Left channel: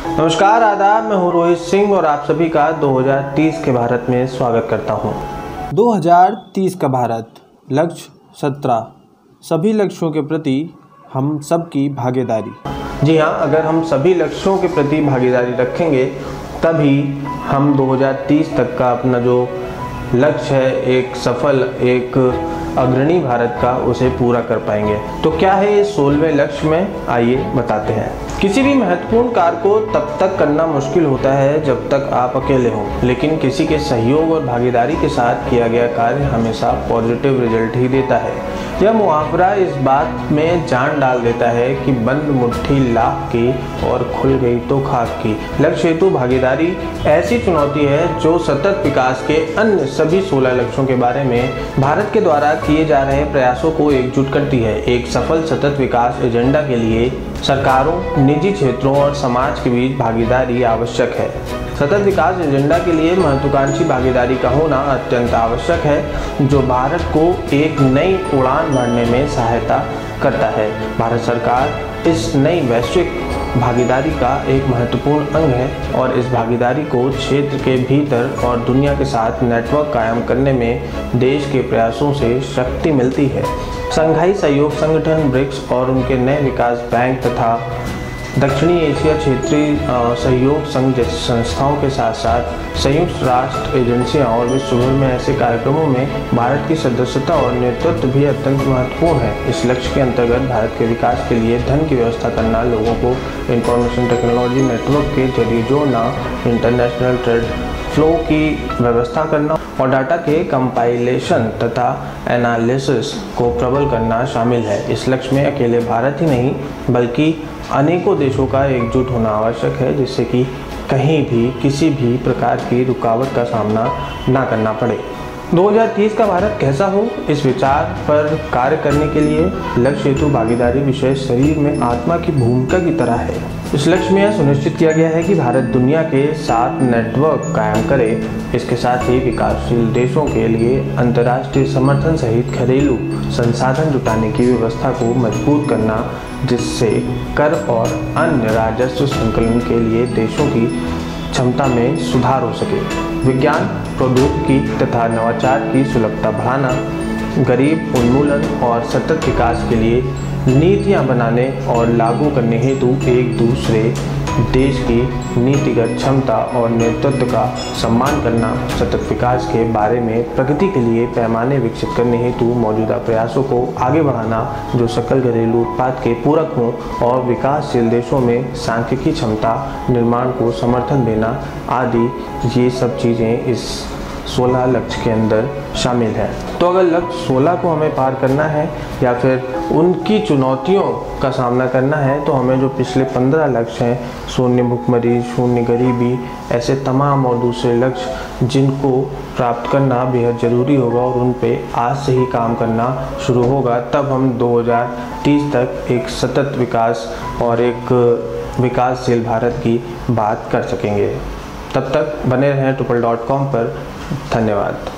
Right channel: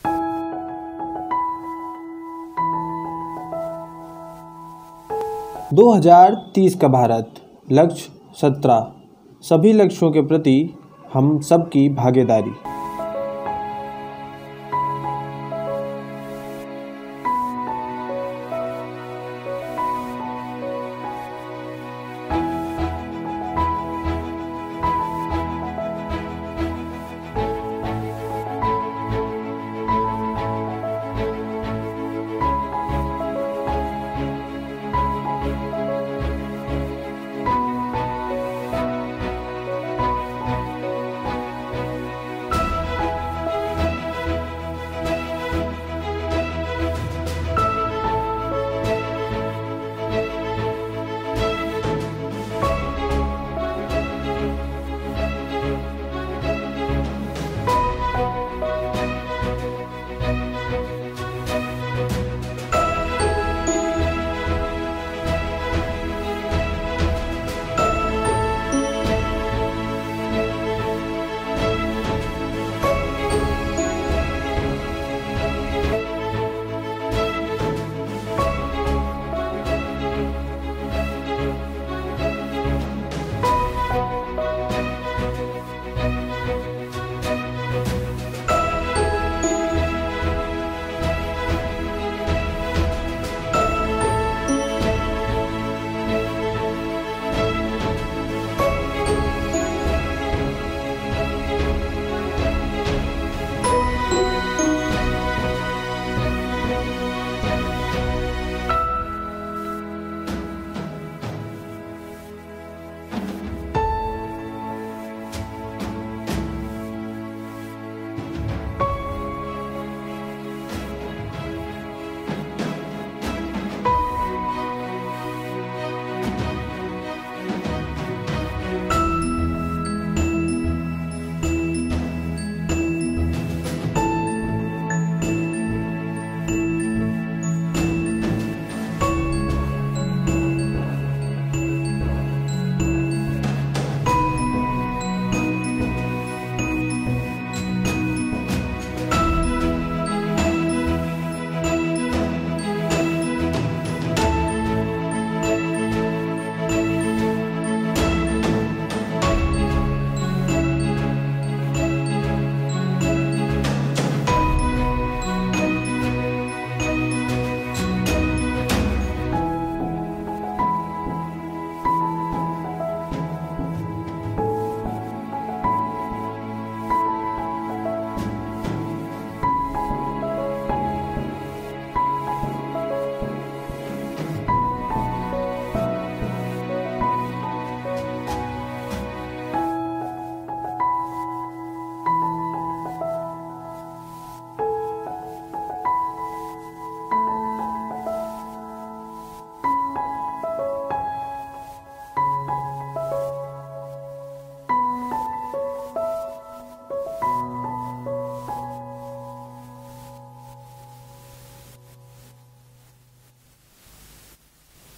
नमस्कार, आदाब। मैं हूँ रोहित सिंह और आप सभी का 2030 के भारत में स्वागत करता हूँ। 2030 का भारत, लक्ष्य 17, सभी लक्ष्यों के प्रति हम सबकी भागीदारी। जी हाँ, अगर हम सभी लक्ष्यों के प्रति भागीदारी रखेंगे तभी हम 2030 तक का अपना जो लक्ष्य है, एक सफल, एक अग्रणी भारत का, उसे पूरा कर पाएंगे। तो क्या है ये 16वें लक्ष्य में, आइए बताते हैं। किसी भी महत्वपूर्ण कार्य को तब तक करना मुश्किल होता है जब तक आप अकेले हों, लेकिन किसी के सहयोग और भागीदारी के साथ किया गया कार्य हमेशा पॉजिटिव रिजल्ट ही देता है। यह मुहावरा इस बात में जान डाल देता है कि बंद मुट्ठी लाख की और खुल गई तो खाक की। लक्ष्य हेतु भागीदारी ऐसी चुनौती है जो सतत विकास के अन्य सभी 16 लक्ष्यों के बारे में भारत के द्वारा किए जा रहे प्रयासों को एकजुट करती है। एक सफल सतत विकास एजेंडा के लिए सरकारों, निजी क्षेत्रों और समाज के बीच भागीदारी आवश्यक है। सतत विकास एजेंडा के लिए महत्वाकांक्षी भागीदारी का होना अत्यंत आवश्यक है, जो भारत को एक नई उड़ान भरने में सहायता करता है। भारत सरकार इस नई वैश्विक भागीदारी का एक महत्वपूर्ण अंग है और इस भागीदारी को क्षेत्र के भीतर और दुनिया के साथ नेटवर्क कायम करने में देश के प्रयासों से शक्ति मिलती है। शंघाई सहयोग संगठन, ब्रिक्स और उनके नए विकास बैंक तथा दक्षिणी एशिया क्षेत्रीय सहयोग संघ जैसी संस्थाओं के साथ साथ संयुक्त राष्ट्र एजेंसियां और विश्व भर में ऐसे कार्यक्रमों में भारत की सदस्यता और नेतृत्व भी अत्यंत महत्वपूर्ण है। इस लक्ष्य के अंतर्गत भारत के विकास के लिए धन की व्यवस्था करना, लोगों को इंफॉर्मेशन टेक्नोलॉजी नेटवर्क के जरिए जोड़ना, इंटरनेशनल ट्रेड फ्लो की व्यवस्था करना और डाटा के कंपाइलेशन तथा एनालिसिस को प्रबल करना शामिल है। इस लक्ष्य में अकेले भारत ही नहीं बल्कि अनेकों देशों का एकजुट होना आवश्यक है, जिससे कि कहीं भी किसी भी प्रकार की रुकावट का सामना ना करना पड़े। 2030 का भारत कैसा हो, इस विचार पर कार्य करने के लिए लक्ष्य हेतु भागीदारी विषय शरीर में आत्मा की भूमिका की तरह है। इस लक्ष्य में यह सुनिश्चित किया गया है कि भारत दुनिया के साथ नेटवर्क कायम करे। इसके साथ ही विकासशील देशों के लिए अंतर्राष्ट्रीय समर्थन सहित घरेलू संसाधन जुटाने की व्यवस्था को मजबूत करना, जिससे कर और अन्य राजस्व संकलन के लिए देशों की क्षमता में सुधार हो सके। विज्ञान, प्रौद्योगिकी तथा नवाचार की सुलभता बढ़ाना, गरीब उन्मूलन और सतत विकास के लिए नीतियां बनाने और लागू करने हेतु एक दूसरे देश की नीतिगत क्षमता और नेतृत्व का सम्मान करना, सतत विकास के बारे में प्रगति के लिए पैमाने विकसित करने हेतु मौजूदा प्रयासों को आगे बढ़ाना, जो सकल घरेलू उत्पाद के पूरक हों और विकासशील देशों में सांख्यिकी क्षमता निर्माण को समर्थन देना आदि, ये सब चीज़ें इस 16 लक्ष्य के अंदर शामिल है। तो अगर लक्ष्य 16 को हमें पार करना है या फिर उनकी चुनौतियों का सामना करना है, तो हमें जो पिछले 15 लक्ष्य हैं, शून्य भुखमरी, शून्य गरीबी, ऐसे तमाम और दूसरे लक्ष्य जिनको प्राप्त करना बेहद ज़रूरी होगा और उन पे आज से ही काम करना शुरू होगा, तब हम 2030 तक एक सतत विकास और एक विकासशील भारत की बात कर सकेंगे। तब तक बने रहें ट्रिपल.com पर। धन्यवाद।